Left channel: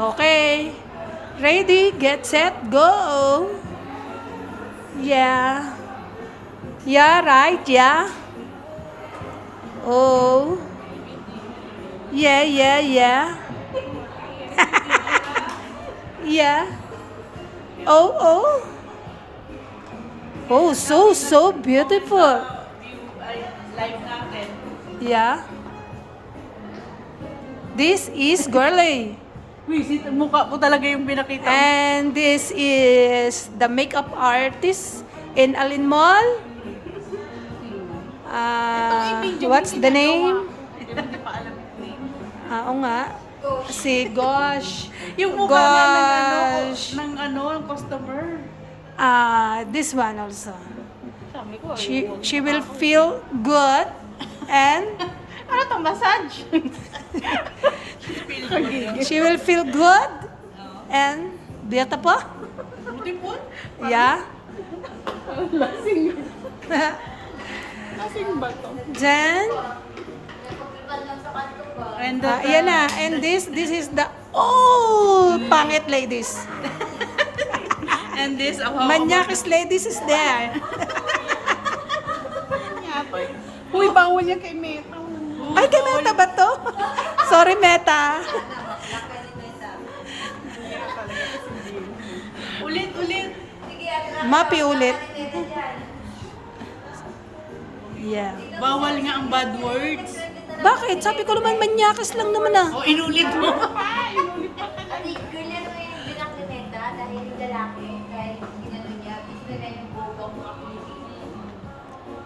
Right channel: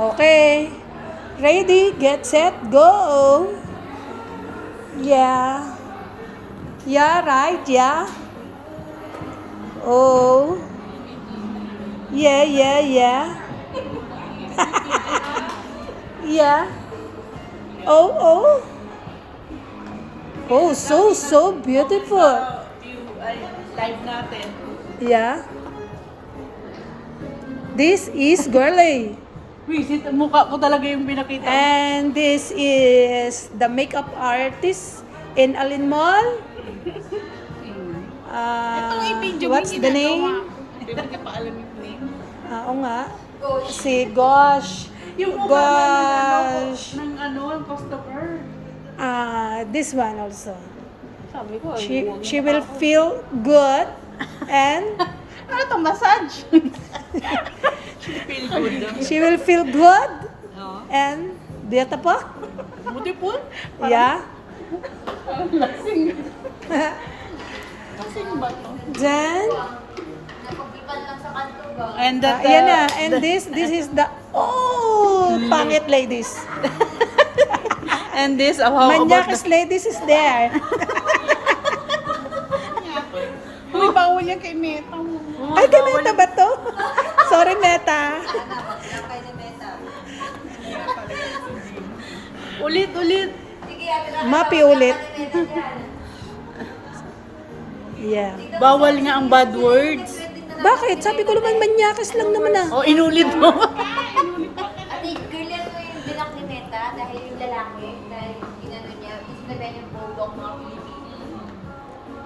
Okay. Ready, get set, go. Yeah. Yeah, right, yeah. Oh. Yeah, yeah, yeah. Yeah. Oh, oh. Oh, so beautiful. View ay live natin. Yeah. This is girly. Uy, mukha ko talaga yung pinakita mo. And this is the makeup artist in Alin Mall. Itong i-video mo What's yung the ginagawa name? ko. Di ba hindi pa alam yung name? Oo nga. Si Gosh. Yung mukha Gosh. ng customer. This one also. Sabi ko, ay, huwag She mo will ako. feel good and Ano to, massage? she will feel good and beautiful. Beautiful? Yeah. Parang lasing. Lasing ba to? Then, And yan na. And this is the, pangit ladies. And this, how about Manyakis ladies is there. Uy, bawal yan kay Meta. Ay, kay Meta ba to? Sorry, Meta. Ulit. Mapi ulit. Yeah. Bawal nga ang bad words. Bakit? Sabi ko naman, manyakis lang naman ah. O, inulit mo. Ate, girl yan na yung binak ni Meta dahil yung lalaki, dahil ginano niya, sinabihan yung bobo ang mga Pilipino.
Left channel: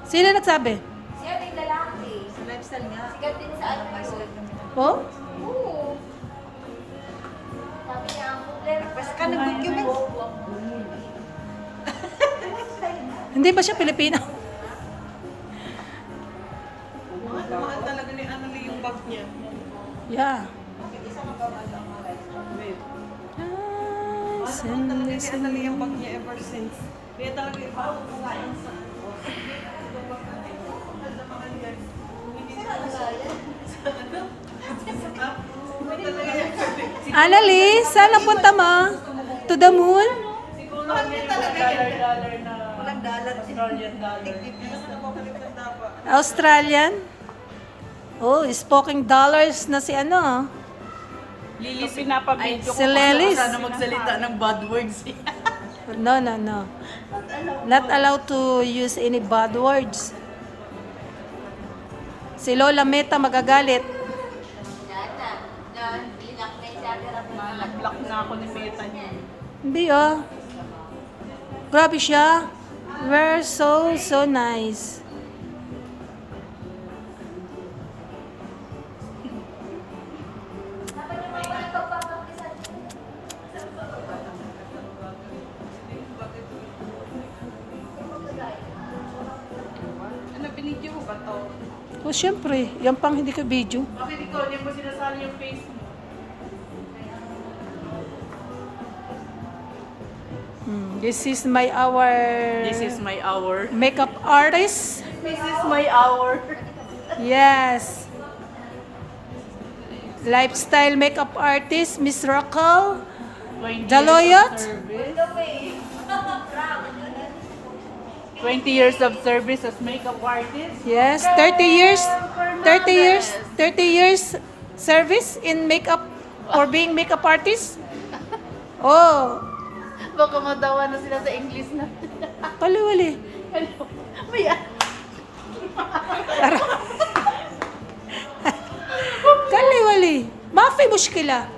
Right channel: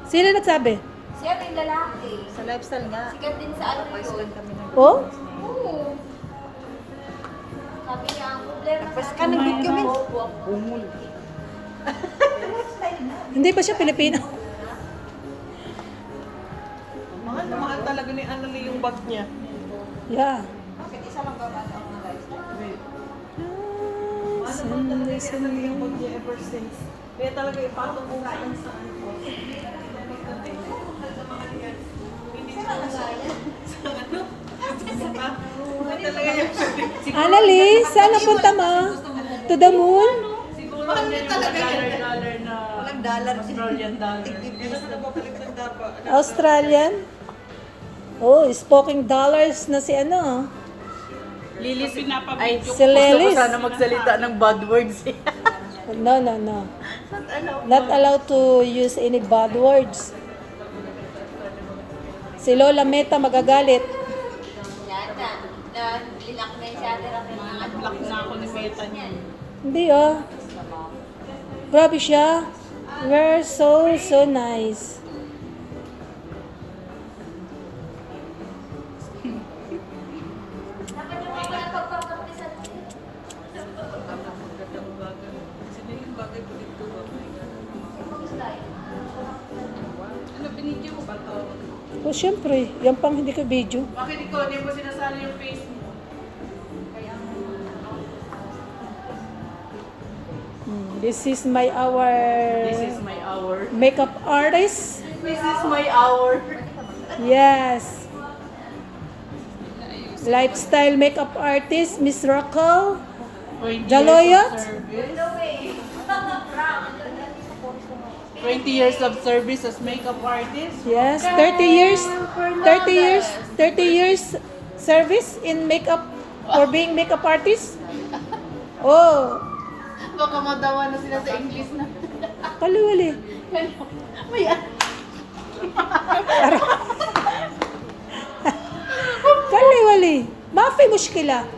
Sino nagsabi? Siya yung lalaki. Sa lifestyle nga. Sikat din sa ano yun. Oh? Oo. Sabi niya, ang problema Nagpas sa ka ng video, mga men. bobo. Umul. Hindi ba siya Pilipino? Mahal na mahal talaga ni Annalie yung bag niya. Yeah. Wait. Send, Kasi Annalie yung bag niya ever since. Kaya talaga ipatong ko nga yan sa Annalie, saan napunta mo? To the moon? Siguro dollar na Australian dollar. Australian? Oh, speaking dollars na si ano. Lilis, pinapabidyo Si Lelis. Sana magsalita ng bad words. No. Not allowed to use any bad words. Si Lola Meta magagalit. Yan na. Binak na yung siya. Nag-block na ako ni Meta niya. Hindi oh. Grabe siya. We're so nice. Dapat yung mga walang pagpapakisan. Ano, binidyo mo ba to? Oh, syempre. Yan pang hindi ko video. Bakit ikaw, hindi mo sinasali yung face mo? This is my This is my hour. makeup artist. This is my hour. Yes. Lifestyle makeup artist, Miss Raquel. 20 Jaloyot? years of service. 20 years of service as makeup artist. Yes, 30 years. 30 years service in makeup for being makeup artist. Oh, Baka madawa na sila sa English na. kaliwali. May Kaliwali. Mafi mushkila. Wow,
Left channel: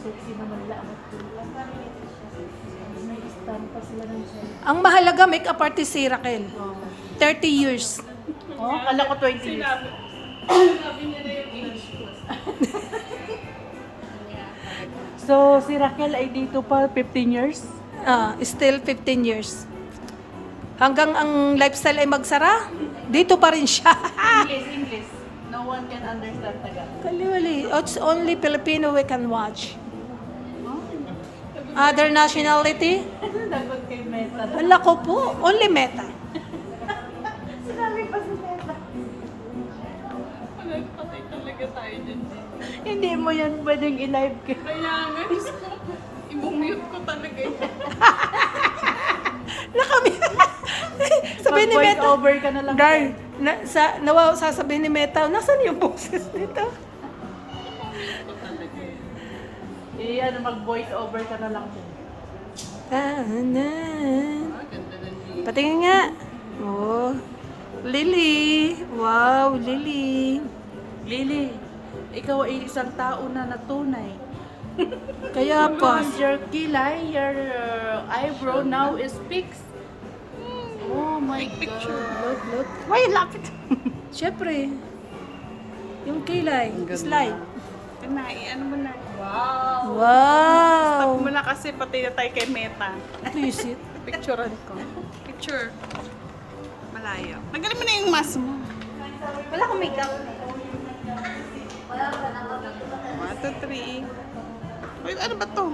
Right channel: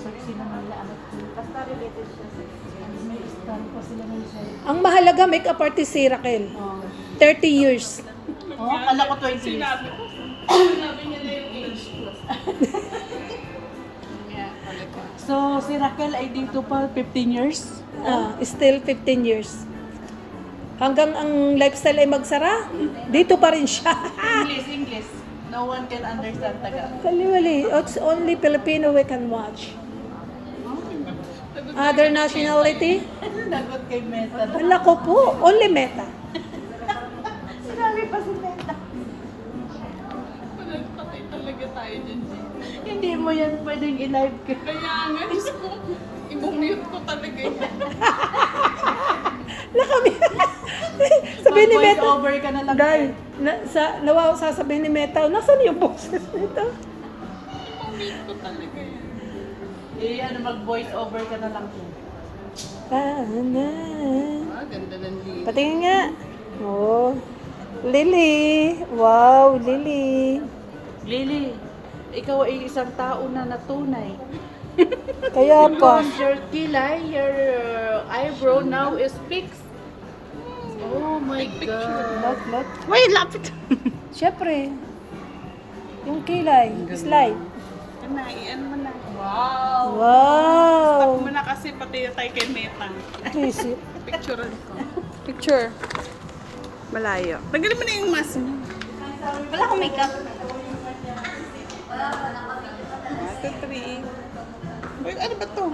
sexy naman lahat ko. Basta related siya sexy. May stand pa sila ng selfie. Ang mahalaga makeup artist si Raquel. 30 years. Oh, kala ko 20 years. Sinabi niya na yung age. So, si Raquel ay dito pa 15 years? Still 15 years. Hanggang ang lifestyle ay magsara, dito pa rin siya. English. No one can understand Tagalog. Kaliwali. It's only Filipino we can watch. Other nationality? Nagot kay Meta. Wala ko po. Only Meta. Sinabi pa si Meta. Palagpatay talaga tayo dyan, Jay. Hindi mo yan pwedeng i-live. Kaya nga, Diyos ko, i-mute ko talaga yan. Nakami. Sabihin ni Mag-voice Meta. over ka na lang. Darn, sasabihin ni Meta, nasan yung boses nito? I-mute ko talaga yan. Ano, mag-voice over ka na lang. Ah, Ganda ng liit. patingin nga. Oh. Lily. Wow, Lily. Lily, ikaw ay isang tao na natunay. Kaya pa. Because your kilay, your eyebrow now is fixed. Oh my God. Look, look. Wait, lapit. Siyempre. Yung kilay. Slide. Ano, ano mo na. Wow. Wow. Stop mo na kasi pati na tayo kay Meta. Please it. Picturean ko. Picture. Malayo. Tanggalin mo na yung mask mo. Wala akong makeup. 1, 2, 3. Ano ba to?